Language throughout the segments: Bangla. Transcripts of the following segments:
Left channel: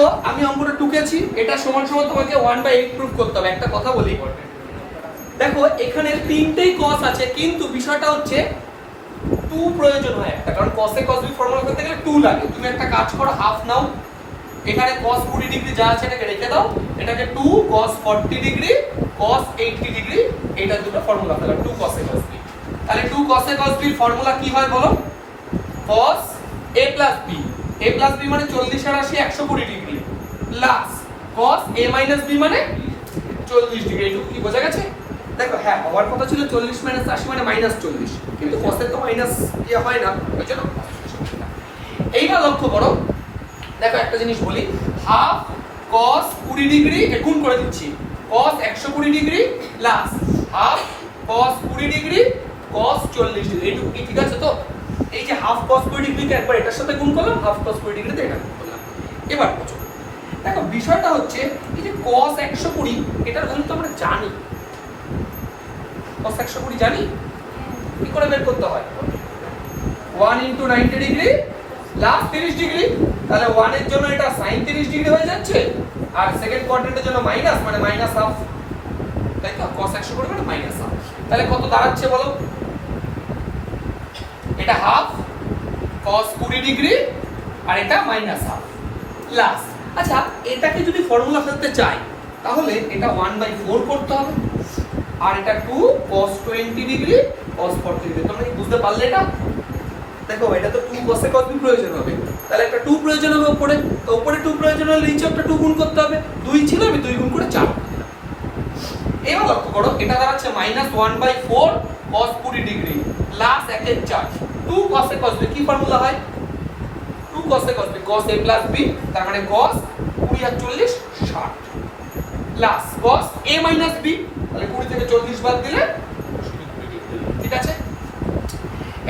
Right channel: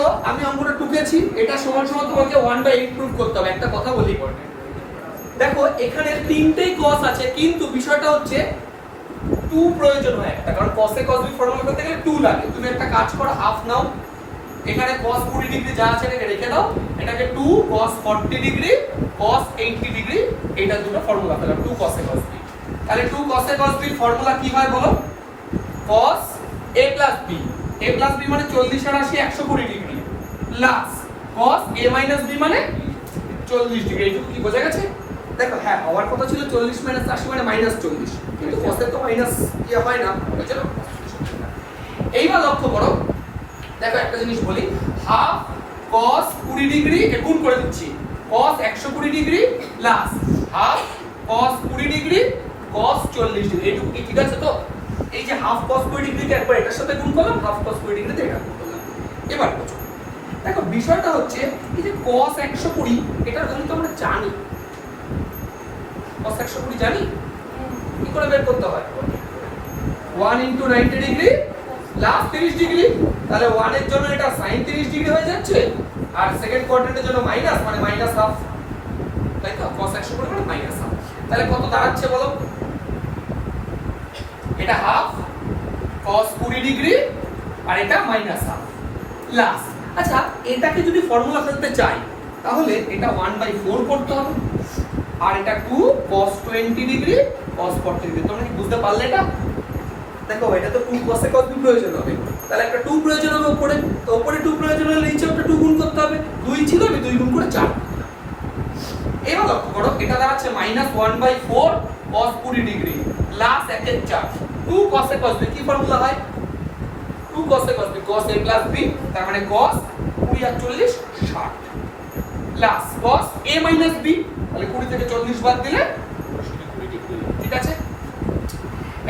দেখো আমি অঙ্কটা টুকেছি, এটা সমান সমান তোমাকে 1/8 প্রুফ করতে হবে। একটা কথা বলি, দেখো এখানে তিনটেই cos আছে, কিন্তু বিষয়টা হচ্ছে 2 প্রয়োজন হয় একটা, কারণ cos a cos b formula করতে গেলে 2 লাগে। তুমি একটা কাজ করো, হাফ নাও, এখানে cos 20 ডিগ্রি যা আছে এটাকে রেখে দাও, এটাকে 2 cos 40 ডিগ্রি cos 80 ডিগ্রি, এটা দুটো formula fellow, 2 cos a cos b। তাহলে 2 cos a cos b formula কি হয় বলো? cos a plus b, a plus b মানে 40 আর 80 120 degree, plus cos a minus b মানে 40 ডিগ্রি। এইটুকু কি বোঝা গেছে? দেখো হ্যাঁ, হওয়ার কথা ছিল 40 মাইনাস 80 মানে -40, কিন্তু cos এর তো মাইনাস ইয়ে হয় না, বুঝছো? এইবার লক্ষ্য করো, দেখো একটা জিনিস বলি, হাফ cos 20 ডিগ্রি গুণ করে দিচ্ছি, cos 120 degree plus half cos 20 degree cos 40 degree. এইটুকু কি ঠিক আছে তো? এই যে হাফ cos 20 ডিগ্রিকে একবার এটার সাথে গুণ করলাম, হাফ cos 20 ডিগ্রিতে এটা গুণ করলাম। এবার বুঝো, দেখো বিষয়টা হচ্ছে এই যে cos 120 এটার ভ্যালু তো আমরা জানি, cos 120 জানি, কি করে বের করতে হয়? 1 * 90 ডিগ্রি প্লাস 30 ডিগ্রি, তাহলে 1 এর জন্য এটা sin 30 ডিগ্রি হয়ে যাচ্ছে, আর সেকেন্ড কোয়াড্রেন্টের জন্য মাইনাস, মানে মাইনাস হাফ, তাই তো? cos 120 মানে মাইনাস হাফ, তাহলে কত দাঁড়াচ্ছে বলো? এটা হাফ cos 20 ডিগ্রি আর এটা মাইনাস হাফ প্লাস, আচ্ছা এটাকে যদি ফর্মুলা ফেলতে চাই তাহলে এটা 1/4 করতে হবে, আর এটা 2 cos 20 ডিগ্রি cos 40 ডিগ্রি। তোমরা কি বুঝতে পারলে এটা? দেখো এটা তো 2 cos a cos b প্রয়োজন হবে, তাহলে একটা 2 প্রয়োজন হবে উপরে, তো উপরে 2 প্রয়োজন হলে নিচে একটা 2 গুণ করতে হবে, 2 ছিল আমি 2 গুণ করে 4। এবার লক্ষ্য করো, এটা দাঁড়াচ্ছে -1/4 cos 20 ডিগ্রি প্লাস 1 এর 4, 2 cos a cos b কি ফর্মুলা হয়? 2 cos a cos b, cos a plus b, তার মানে cos 20 আর 40 60 plus cos a minus b, তাহলে 20 থেকে 40 বাদ দিলে শুধু 20 ডিগ্রি, ঠিক আছে?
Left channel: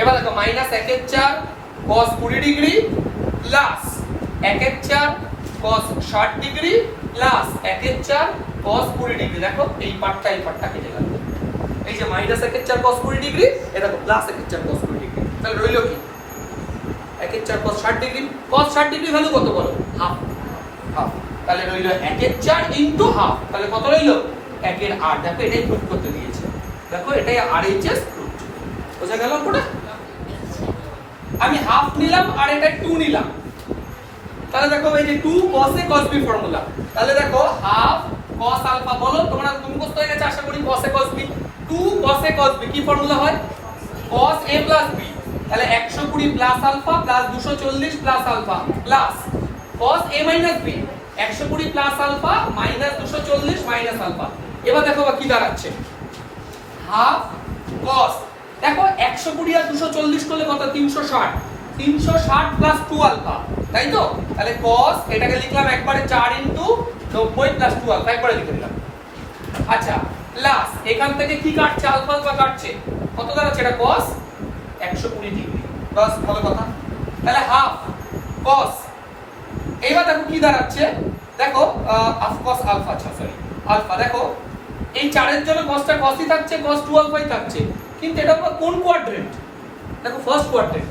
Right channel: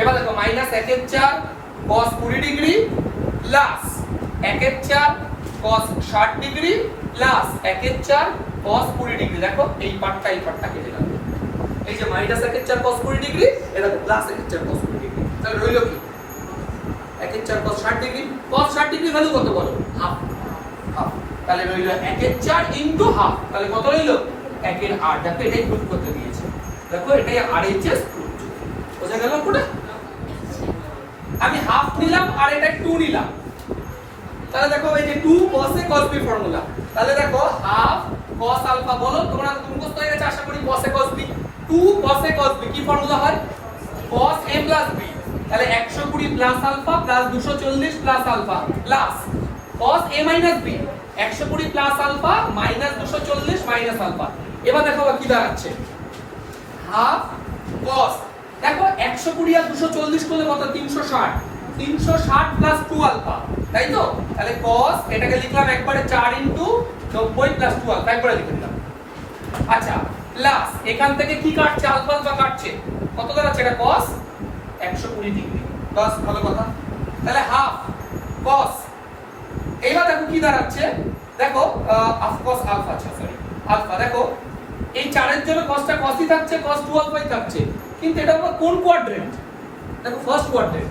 এবার দেখো -1 এর 4 cos 20 ডিগ্রি প্লাস 1 এর 4 cos 60 ডিগ্রি প্লাস 1 এর 4 cos 20 ডিগ্রি। দেখো এই পার্টটা কেটে গেল, এই যে -1 এর 4 cos 20 ডিগ্রি, এটা তো প্লাস 1 এর 4 cos 20 ডিগ্রি, তাহলে রইল কি? 1 এর 4 cos 60 degree, cos 60 degree value কত বলো? হাফ, হাফ, তাহলে রইল 1 এর 4 ইনটু হাফ, তাহলে কত রইল? 1 এর 8। দেখো এটাই প্রুফ করতে দিয়েছে, দেখো এটাই RHS প্রুফ, বোঝা গেল পুরো? আমি হাফ নিলাম আর এটা 2 নিলাম, তাহলে দেখো এই যে 2 cos a cos b formula, তাহলে দেখো হাফ cos আলফা, বলো তোমরা মুখস্থ হয়ে গেছে আশা করি, cos a cos b, 2 cos a cos b কি ফর্মুলা হয়? cos a plus b, তাহলে 120 plus alpha plus 240 plus alpha plus cos a minus b, 120 plus alpha minus 240 minus alpha. এবার দেখো কি দাঁড়াচ্ছে, হাফ cos, দেখো 120 আর 240 করলে কত? 360, 360 প্লাস 2 আলফা, তাই তো? তাহলে cos, এটাকে লিখলাম একবারে 4 * 90 প্লাস 2 আলফা, একবারে লিখে দিলাম। আচ্ছা প্লাস এখান থেকে কি কাটছে? আলফা আলফা কাটছে, কত দাঁড়াচ্ছে? এটা cos 120 ডিগ্রি, বাস ভালো কথা। তাহলে হাফ cos, এইবার দেখো কি দাঁড়াচ্ছে, দেখো হাফ cos আলফা, আচ্ছা সরি আলফা, দেখো এই 4 এর জন্য cosটা cosই থাকছে, cos 2 আলফাই থাকছে, কিন্তু এটা কোন কোয়াড্রেন্ট? দেখো ফার্স্ট কোয়াড্রেন্ট,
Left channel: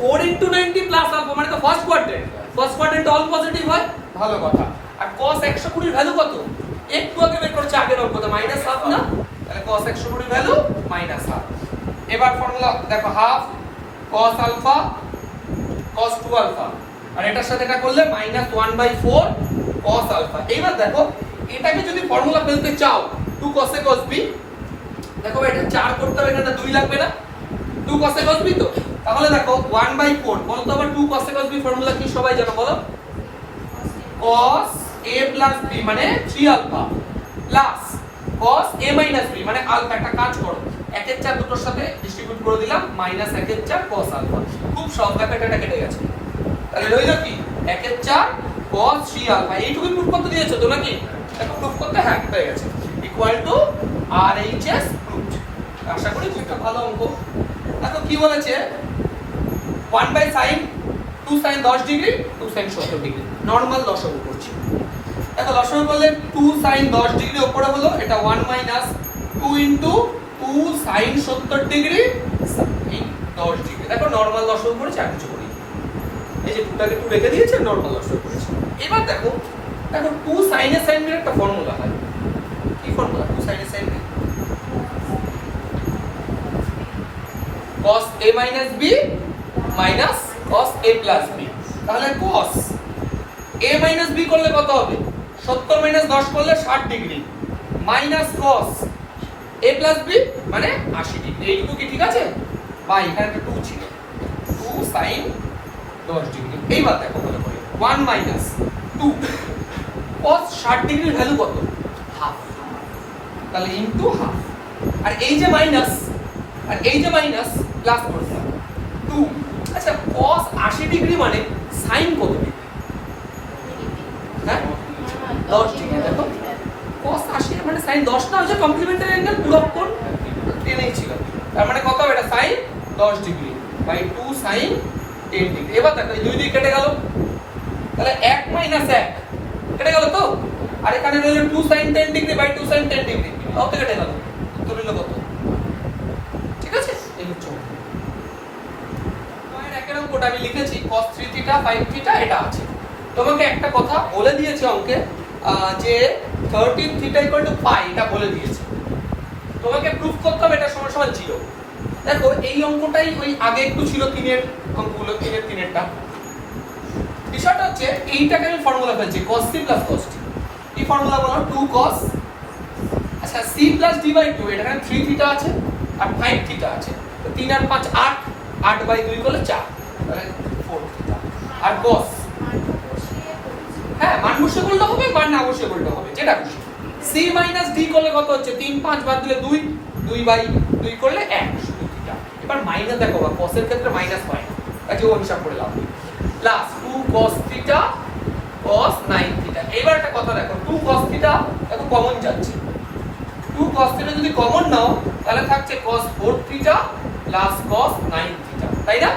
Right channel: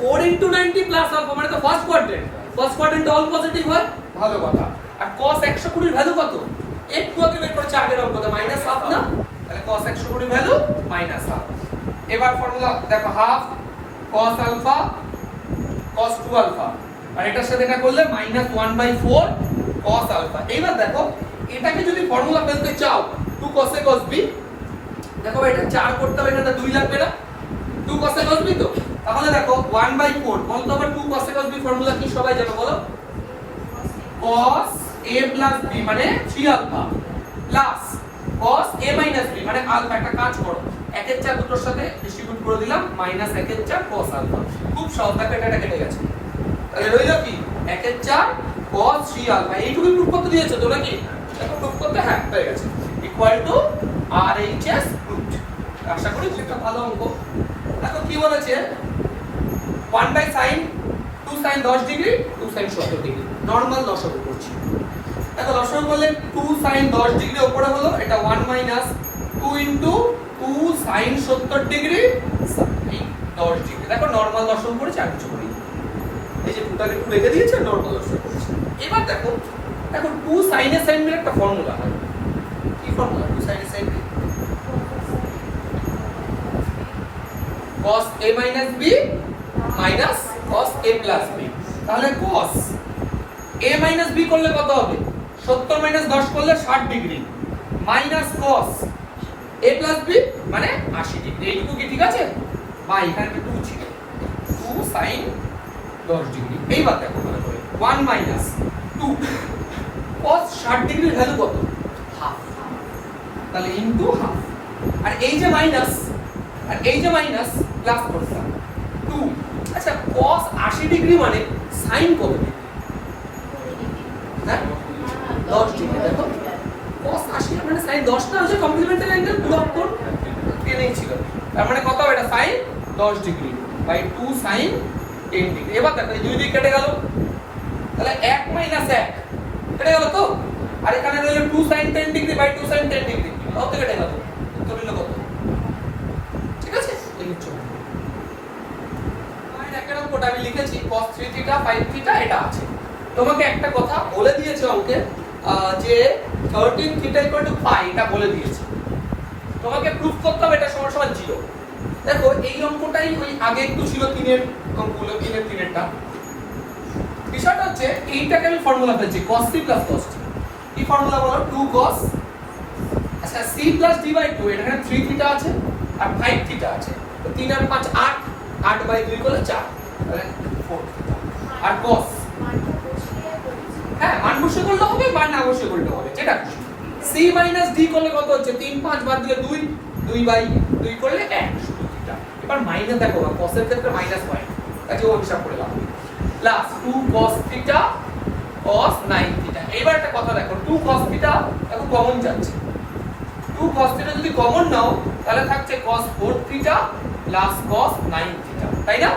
4 * 90 প্লাস আলফা মানে তো first quadrant, first quadrant all positive হয়, ভালো কথা। আর cos 120 এর ভ্যালু কত? একটু আগে বের করছে আগের অঙ্কটা, -1/2 না, তাহলে cos 120 এর ভ্যালু -1/2। এবার ফর্মুলা দেখো, half cos alpha cos 2 alpha, আর এটার সাথে এটা করলে -1/4 cos আলফা। এইবার দেখো এটাকে যদি ফর্মুলা ফেলতে চাও 2 cos a cos b, দেখো এটা 4 করতে হবে, এখানে 2 লাগবে না, 2 cos a cos b তো, তাহলে দেখো 1/4, বলো তো আবার 2 cos a cos b formula কি সবাই জানো বলো? cos a plus b মানে 3 alpha plus cos a minus b মানে আলফা। একটা কাজ করো, 1 এর 4 দুটোর সাথে ডিস্ট্রিবিউট করে দিলাম, -1 এর 4 cos আলফা, খুব সহজ, দেখো এটা কেটে গেছে, তাহলে রইল কি? 1 এর 4 cos 3 আলফা। এইটুকু প্রুফ করতে দিয়েছো তো নাকি? এখন প্রুফ করতে হ্যাঁ হয়ে গেছে, ইকুয়াল টু RHS প্রুফড। আশা করি একটা ভালো অঙ্ক। দেখো কি বলেছে, 1/sin 2 sin 10 degree 2 sin 70 degree, normal লসাগু করছি। দেখো লসাগু করলে 2 sin 10 ডিগ্রি উপরে হলো, এটা 1 minus 2 into 2 sin 70 ডিগ্রি এই 10 ডিগ্রি। দেখো নরমাল লসাগু করেছি, আর কিছু করি। এই যে 2টাকে 2 রেখে দিয়েছে, নরমাল লসাগু করেছে। এবার দেখো 2 sin a sin b এর একটা ফর্মুলা হয়। কি formula? 2 sin a sin b cos a minus b minus cos a plus b। তাহলে cos a minus b করলে কত হবে? 70 minus 10 করলে 60 degree minus cos a plus b মানে 80 ডিগ্রি। এইটুকু কি ঠিক আছে? বা এখানে একটা 2 ছিল, 2 sin 10 ডিগ্রি। এইবার দেখো ভালো করে 1 minus 2 cos 60 ডিগ্রির ভ্যালু কত? হাফ। তাহলে ইনটু হাফ। আর এই যে মাইনাস আর এই যে মাইনাস প্লাস করলাম 2। আচ্ছা cos 80 ডিগ্রি মানে sin কত ডিগ্রি? হ্যাঁ 10 ডিগ্রি। দেখো cos 80 মানে sin 10 না হচ্ছে কমপ্লিমেন্টারি অ্যাঙ্গেল পুরো কোণ টেনেই ছিল। তার মানে কত হবে? এটা sin 10 degree by 2 sin 10 degree. এবার দেখো এই দুই দিক কেটে গেল, তাহলে 1 মাইনাস 1 কেটে গেল তো। আর এখানে রইল 2 sin 10 degree by 2 sin 10 degree, তাও তো কেটে গেল। উত্তর হলো কত? ঠিক আছে, এই হচ্ছে পয়েন্ট। একের অঙ্কটা আমি লিখেছি cos 3 থিটা 5 থিটা এটা আছে। তোমাকে একটা কথা বলে দিয়েছে অঙ্কে যে 13 থিটা ইকুয়াল টু পাই, এটা বলে দিয়েছে। তোমাকে প্রুফ করতে হবে এটা সমান সমান 0। দেখো এই অঙ্কটাই ওই আগে একটু ছিল 3 এর অঙ্কগুলো, 3 এর 3 এরটা। বিষয়টা হচ্ছে এইটাকে আমি ফর্মুলা ফেলছি cos c plus cos t। কি ফর্মুলা বলো? 2 cos, আচ্ছা c plus d by 2, এখানে 3 থিটা আছে আর 5 থিটা আছে। তো 3 আর 5 8, 8 বাই 2 করলে 4, তাহলে 4 থিটা। আর cos হ্যাঁ মান বসে করলে হবে, মান না বসে করলে হবে, যেটা খুশি। c minus d করলে কত হচ্ছে? 3 5 বাদ দিলে 2, 2 বাই 2 করলে 1 শুধু থিটা। এবার মাইনাস দেখো বা cos এর ক্ষেত্রে মাইনাস হয়, কাজে ও হিসাব করে লাভ। Plus 2 cos theta cos 9 theta. এবার একটা কথা দেখো 2 cos থিটা দেখো কমন যাচ্ছে। 2 cos থিটা যদি কমন নাও তাহলে থাকছে cos 4 theta plus cos 9 theta, তাই না?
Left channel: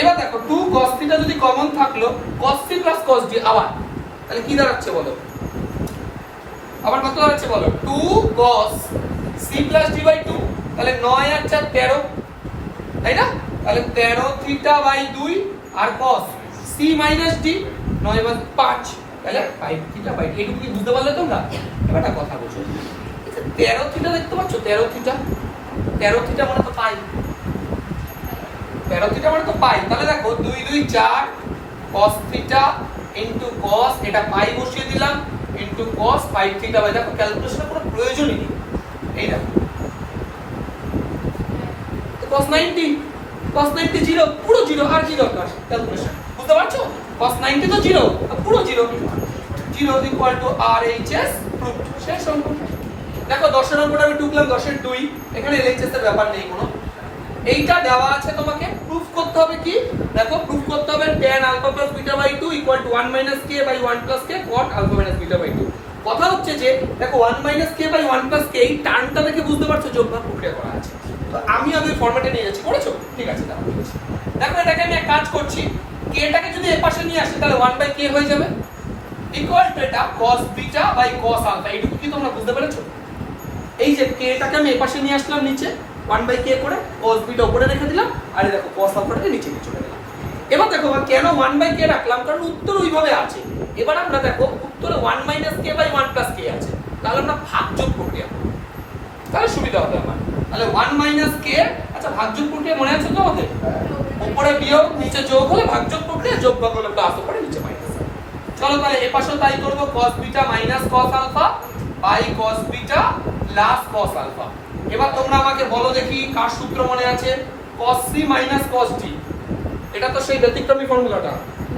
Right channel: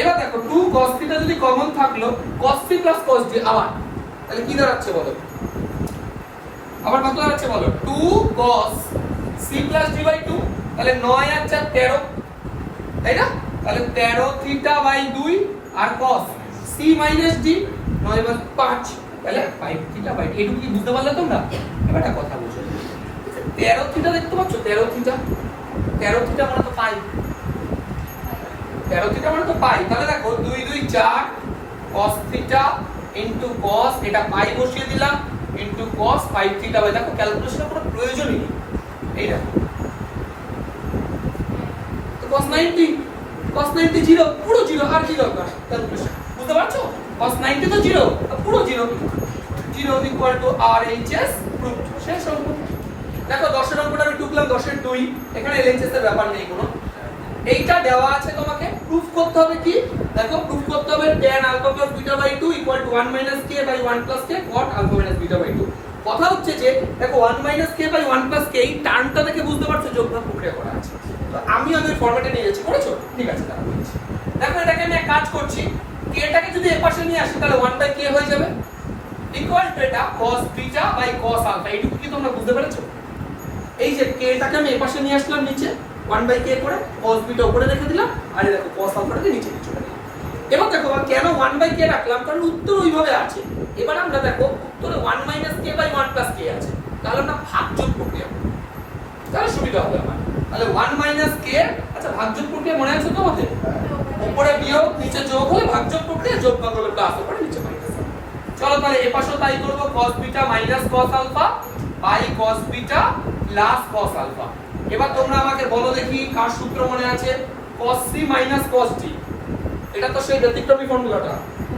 এবার দেখো 2 cos থিটা যদি কমন থাকলো cos c plus cos d, আবার তাহলে কি দাঁড়াচ্ছে বলো? আবার কত দাঁড়াচ্ছে বলো? 2 cos c plus d by 2, তাহলে 9 আর 4 13, তাই না? তাহলে 13 থিটা বাই 2 আর cos c minus d 9 by 5, তাহলে 5 থিটা বাই। এইটুকু কি বুঝতে পারলে তোমরা? এবার একটা কথা বুঝো, 13 থিটা দেখতে পাচ্ছ? 13 থিটা, 13 থিটা মানে তো পাই, 13 থিটা মানে তো পাই। তাহলে দেখো 2 2 4 cos থিটা ইনটু cos, এটা পাই বসিয়ে দিলাম, ইনটু cos 5 থিটা বাই। দেখো ক্যালকুলেশনের কোনো প্রয়োজনই নেই। এই দেখো তো cos 90, cos 90 0, পুরো 0, আর কি দরকার ক্যালকুলেশন? বুঝতে পারছো? cos 90 তো 0, পুরো 0, 0 ইকুয়াল টু RHS প্রুফড। শেষ অঙ্ক। দেখো 10 এর অঙ্কটা আমি টুকলাম 10 এর 2, এখানে LHS এর ব্যাপার নেই কোনো। এইটা দেওয়া আছে, তোমাকে প্রুফ করতে হবে কি? দেখো প্রুফ করতে হবে tan alpha plus beta by 2 equal to 1 minus k by 1 plus k cot alpha minus beta by 2। কথা হচ্ছে যে দেখো 1 minus k by 1 plus k, এই টার্মটা দেখে বুঝতে পারছো যোগভাগ প্রক্রিয়া করা আছে। তো আমি ওই ফরম্যাটে নিয়ে যাচ্ছি, করেছো? ঠিক আছে, দেখো বলেছি। দেখো এটাকে আমি এক কাজ করছি, k টাকে যদি এর পাশে নিয়ে আসি তাহলে 1 by k হয়ে যাবে ইকুয়াল টু এটা cos beta by cos alpha। এইটুকু কি তোমরা বুঝতে পেরেছো? এই যে k টাকে আমি এর পাশে নিয়ে আসলাম নিচে 1 by k করে, cos beta উপরে রেখে দিলাম, আর এই দেখো cos alpha-টাকে নিচে চলে গেল। এবার দেখো কেন 1 by k রাখলাম? কারণ উত্তর ওইভাবে আছে। এবার আমরা দেখো উত্তরে 1 minus k by 1 plus k আছে, তাহলে আমরা ভাগযোগ প্রক্রিয়া, তাহলে সুবিধা হবে আমার। তাহলে 1 minus k, আচ্ছা ভাগযোগ প্রক্রিয়া মনে আছে তো আমাদের? উপরে বিয়োগ নিচে যোগ হলে ভাগযোগ প্রক্রিয়া, যোগ ভাগ হলে প্লাস, উপরে নিচে মাইনাস। চলো তাহলে এই পাশেও তাই করব, cos beta minus cos alpha by cos beta plus cos alpha। এবার তোমরা আমাকে বলো দেখি কার সূত্র মনে আছে? cos c minus cos d, এটা তো সেই ব্যতিক্রমী ফর্মুলাটা।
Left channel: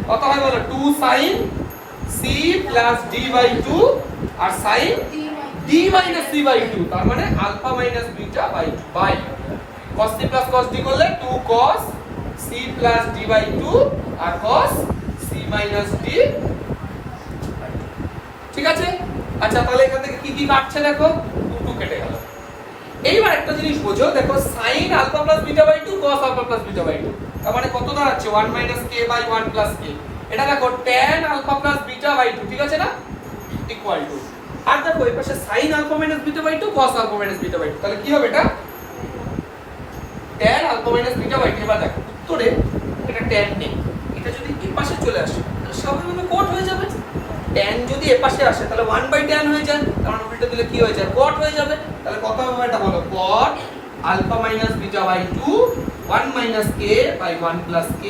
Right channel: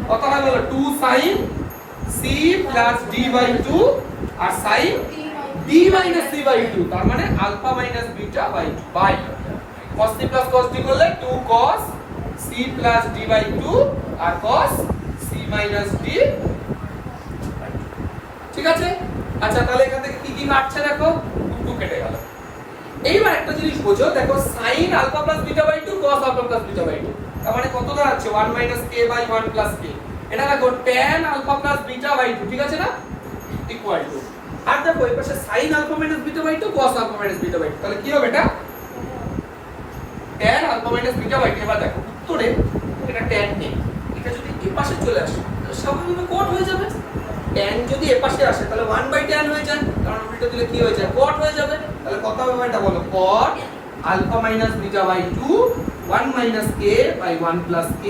কত হয় বলো? 2 sin c plus d by 2 R sin d minus c by 2, তার মানে alpha minus beta by 2 by cos c plus cos d করলে 2 cos c plus d by 2 আর cos c minus d। ঠিক আছে, আচ্ছা তাহলে এখান থেকে কি কি কাটছে দেখো, 2 কেটে গেল। এইবার একটা জিনিস বোঝো, দেখো sin alpha plus beta by 2 cos alpha plus beta by 2, তার মানে কত দাঁড়াচ্ছে? 1 minus k by 1 plus k। এটা দেখো tan alpha plus beta by 2, ঠিক আছে না? ইকুয়াল টু, আর দেখো এই পাশে sin alpha minus beta by 2 cos alpha minus beta by 2, তাহলে কি হবে? এটা tan alpha minus beta by 2। এবার দেখো উত্তরে এটা tan নেই, এটা পাশে চলে আসে স্বাভাবিকভাবে cot হয়ে যাবে। tan যদি এ পাশে আসে তাহলে 1/tan হয়ে যায়, কারণ উল্টে দিলে কি হয়ে যায় cot হয়ে যাবে। তাহলে কত হবে এটা বলো, cot alpha minus beta by 2 1 minus k by 1 plus k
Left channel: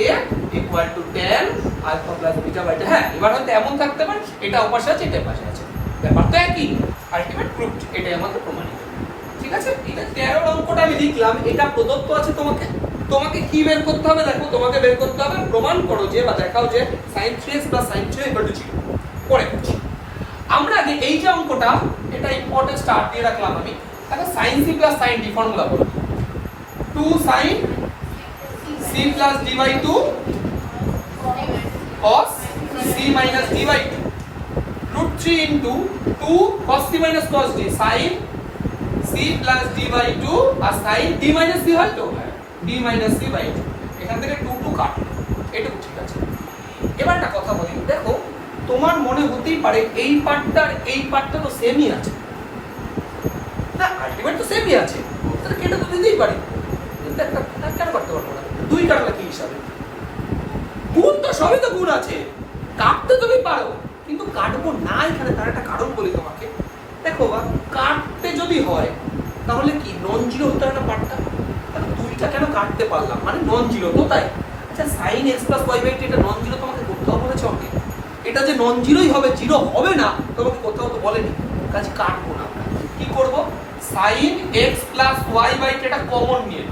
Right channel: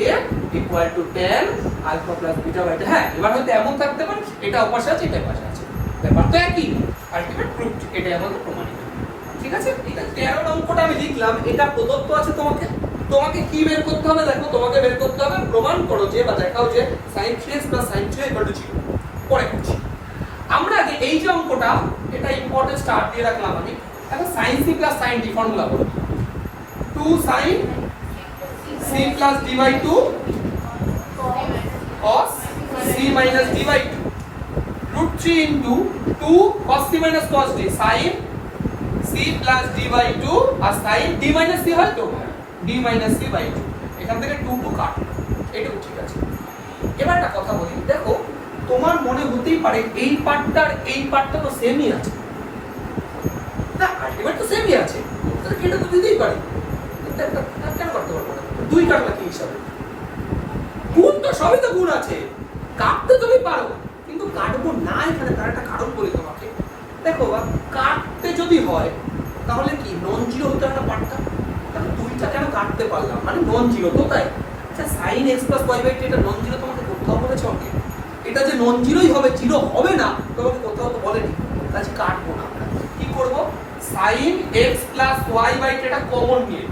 equal to tan alpha plus beta by 2। হ্যাঁ, এবার হয়তো এমন থাকতে পারে এটা অপাশে আছে এটা পাশে আছে, ব্যাপার তো একই, আলটিমেট প্রুফড, এটাই আমাদের প্রমাণিত। ঠিক আছে, এটা 13 অঙ্কটা আমি লিখলাম, এটা প্রদত্ত আছে তোমাকে। তোমাকে কি বের করতে হবে দেখো, তোমাকে বের করতে হবে প্রমাণ করো যে বা দেখাও যে sin 3x sin 3y 0। পরে করছি আমরা আগে এই যে অঙ্কটা, এটা ইম্পর্টেন্ট স্টার্ট দিয়ে রাখলাম আমি। দেখো sin c sin d formula বলো, 2 sin c d by 2 cos c minus d by 2 root 3 into 2 cos c minus cos d sin c plus d by 2 R sin d minus c হয় তো d minus c by 2, এখান থেকে 2 কাট, এটুকু ঠিক আছে। এবার একটা কথা বলি, দেখো তোমার মনে হতেই পারে এই পার্টটা আর এই পার্টটা তো সেমই আছে, না আলটিমেট তো সেমই আছে, তাহলে এটা তো বুঝতেই পারে, কিন্তু একটা কেন করতে পারবো না, 2 কাটলে কি হিসাবে, গুণ তো সবই তো গুণ আছে, কাটতে তুমি পারো কিন্তু কাটবো না এখানে, তার একটা কারণ বলি তোমাকে। দেখো বা কাটতে যদি হয় তাহলে কি নন জিরো হতে হয় না পার্টটা, তাহলে 2টা কেন কাটতে পারলাম, মানে নন জিরো তো তাই। আচ্ছা sin x y by 2 এটা নন জিরো তোমাকে কোথাও বলেছে অঙ্কে, এটা যে নন জিরোই হবে, জিরো হবে না তোমাকে কোথাও তো বলেনি, কাজে কাটবো না। আমরা কি করব, sin x y by 2 এটা কমন নিয়ে,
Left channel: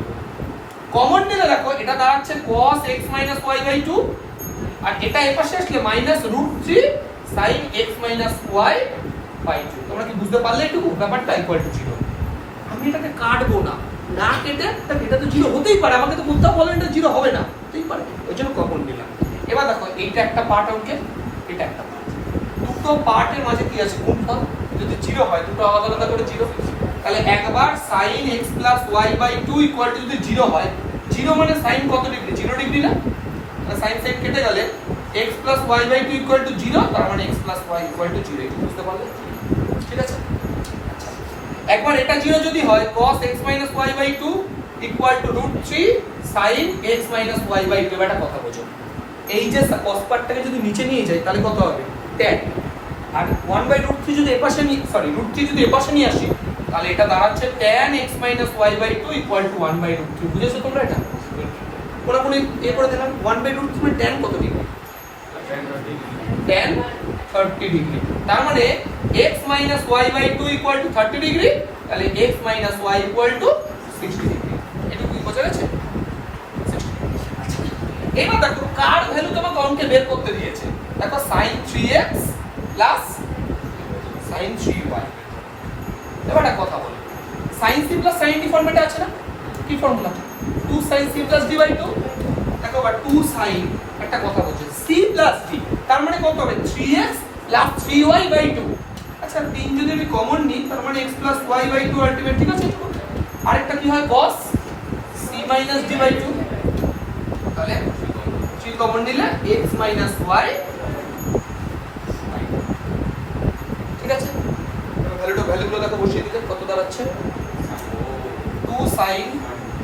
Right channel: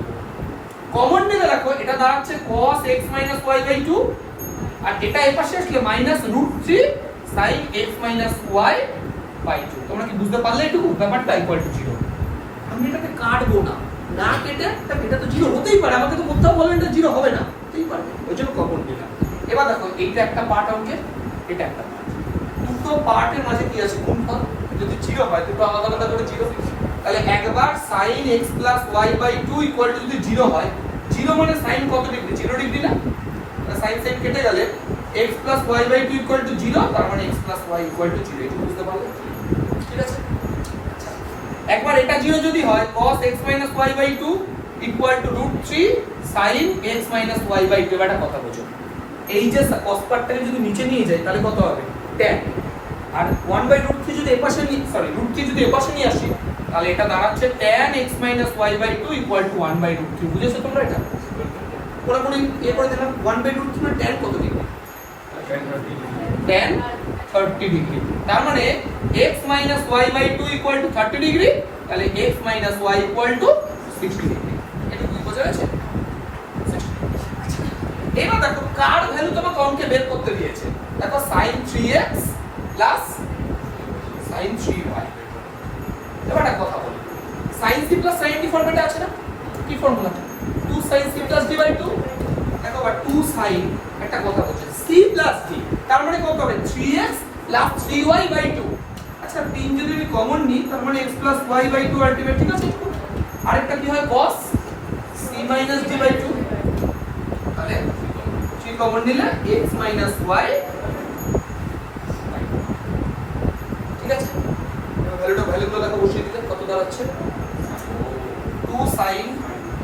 কমন নিলে দেখো এটা দাঁড়াচ্ছে cos x y by 2 আর এটা এই পাশে আসলে -√3 sin x y by 2। তোমরা কি বুঝতে পারলে একটু ব্যাপারটা ইকুয়াল টু 0। আমি এটাকে কাটবো না, না কেটে এটা তো 0 হতেই পারে, আমাকে তো কোথাও বলেন এটা 0 হবে না, হতেই পারে, ওই জন্য কমন নিলাম। এবার দেখো এইটা একটা পার্ট অঙ্কে, এটা একটা পার্ট, দুটো পার্টের মাঝে কি আছে গুণফল, যদি 0 হয় দুটো আলাদা আলাদা করে 0, তাহলে একবার sin x y by 2 equal to যদি 0 হয়, 0 মানে sin কত ডিগ্রি, 0 ডিগ্রি না, তাহলে sin sin কেটে গেলে x y by 2 equal to 0, তার মানে x y ইকুয়াল টু 0, এটা বুঝতে পারলে? ঠিক আছে, একবার এটা 0 যদি হয় cos x y by 2 equal to √3 sin x y by 2, এটা কথা বোঝো। এই যে cos পার্টটাকে যদি নিচে নিয়ে যাই তাহলে কত হবে tan, আর 1/√3 যদি এপাশে √3 যদি এপাশে নিয়ে আসি তাহলে এটা দাঁড়াচ্ছে tan x y by 2 equal to 1/√3। বুঝেছো তোমরা এটা? কোন এ করে দিলাম 1/√3 মানে tan কত ডিগ্রি, tan 30 ডিগ্রি, তার মানে x y by 2 equal to 30 degree, তাহলে x y equal to 60 degree. এটা কি বোঝা গেছে? এবার দেখো কার ভ্যালু তোমাকে অঙ্কে বের করতে দিয়েছে, দেখো sin 3x sin 3y। এবার একটা কথা বলি, sin c sin d ফর্মেটে আছে না, কি formula, 2 sin c d by 2। দেখো আবার 2 sin, একটা কথা বলছি c d, তার মানে কত হবে 3x 3y by 2। আচ্ছা 3 যদি আমি কমন নিই তার মানে x y by 2 আলটিমেট, ঠিক আছে। আরেকটা কি হয় cos c d by 2, তাহলে 3 কমন নিলে x y, ঠিক আছে। ভ্যালুগুলো দেখো বসিয়ে দিতে কত দাঁড়াচ্ছে, 2 sin,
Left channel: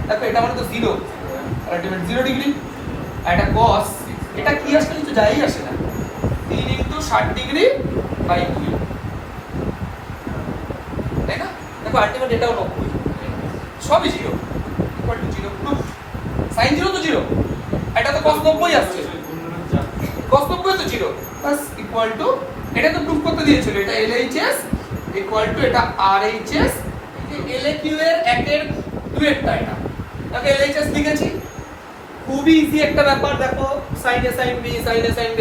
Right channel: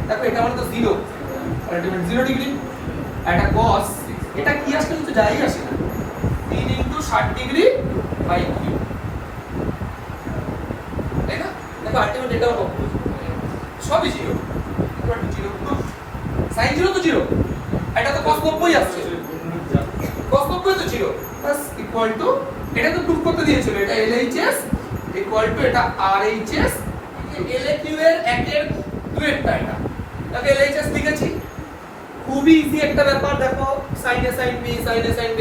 দেখো এটা মানে তো 0, আলটিমেট 0 ডিগ্রি, আর এটা cos, এটা কি আসলে কিছু যাই আসে না, 3 * 60 ডিগ্রি বাই 2, তাই না? দেখো আলটিমেট এটাও 90, সবই 0 ইকুয়াল টু 0, sin 0 তো 0, এটা তো cos 90 আসছে, cos 90 তো 0 বাস ইকুয়াল টু, এটা তো প্রুফ করতে দিয়েছিল, এটা LHS ইকুয়াল টু এটা RHS, LAQ এর 1 এর 2 এরটা, এটা তাকে LHS লিখেছি, খুবই ইজি একটা ব্যাপার। দেখো sin a sin b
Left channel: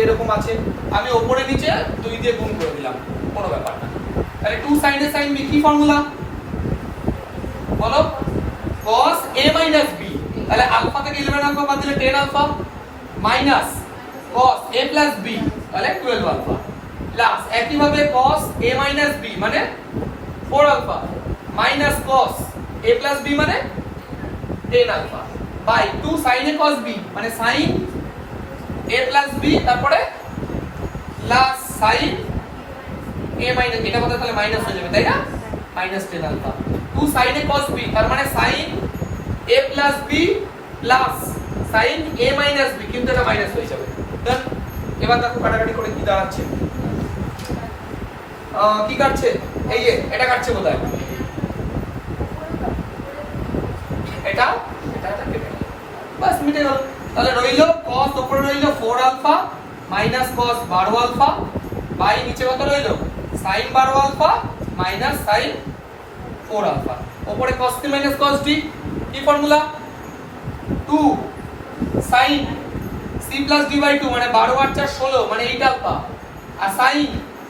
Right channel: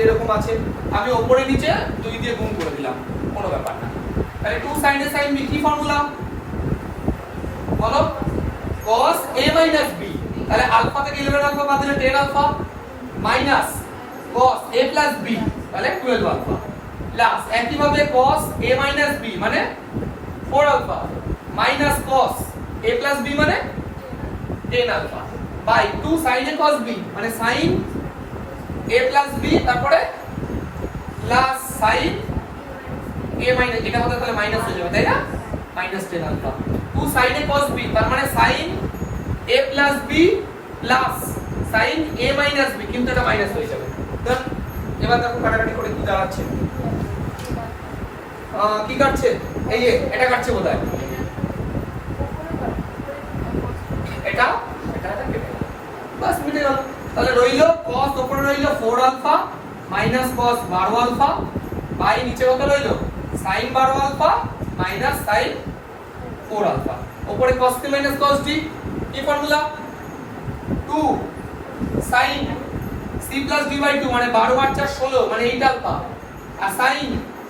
এরকম আছে, আমি উপরে নিচে 2 দিয়ে গুণ করে দিলাম, কোনো ব্যাপার না। তাহলে 2 sin a sin b কি ফর্মুলা বলো, cos a b, তাহলে আলফা থেকে 11 আলফা বাদ দিলে 10 alpha, minus cos a b, তাহলে 12 আলফা, প্লাস একইভাবে cos a b মানে 4 alpha, minus cos a b মানে 10 alpha, by 2 sin a cos b মানে sin a b, তারপরে প্লাস sin a এটা হতে তাহলে মাইনাস হয়ে যাবে, তাই না, minus 10 alpha, 2 sin a cos b তার মানে sin a b plus sin a b, কিন্তু কিন্তু এটা মাইনাস হয়ে যাবে। দেন এবার দেখো কাটাকাটি করে কি দাঁড়াচ্ছে, কি কাটছে, এই যে এটা কাটছে বোধহয়, এটা এটা কেটে গেল, বাস মিটে গেল। তাহলে রইল cos, উপরে রইল 4 alpha minus cos 12 alpha by নিচে কত রইল sin 12 alpha minus sin 4 alpha. উপরে cos t minus cos t, কি formula 2 sin c plus d by 2 মানে 12 আর 4 16 মানে 8 আলফা, আর sin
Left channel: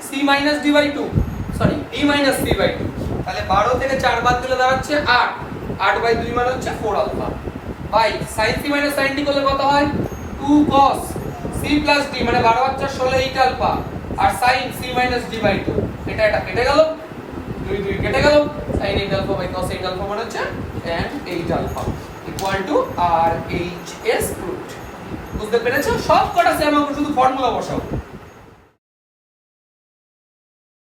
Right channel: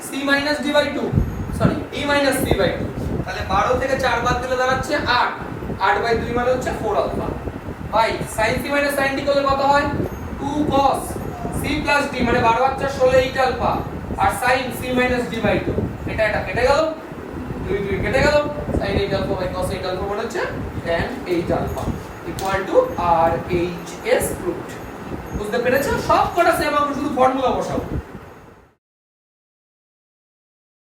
c minus d by 2 sorry d minus c by 2, তাহলে 12 থেকে 4 বাদ দিলে দাঁড়াচ্ছে 8, 8 বাই 2 মানে হচ্ছে 4 alpha by sin c minus sin d করলে কত হয় 2 cos c প্লাস d মানে 12 আর 4 16 8 আলফা, আর sin c minus d by 2, এটা কেটে গেল, 2 2 কেটে গেল, sin 8 alpha by cos 8 alpha মানে হচ্ছে tan 8 alpha equal to R H S root. বুঝতে পেরেছো? সব কটা সেম, আমরা শুধু ফর্মুলা বসাবো।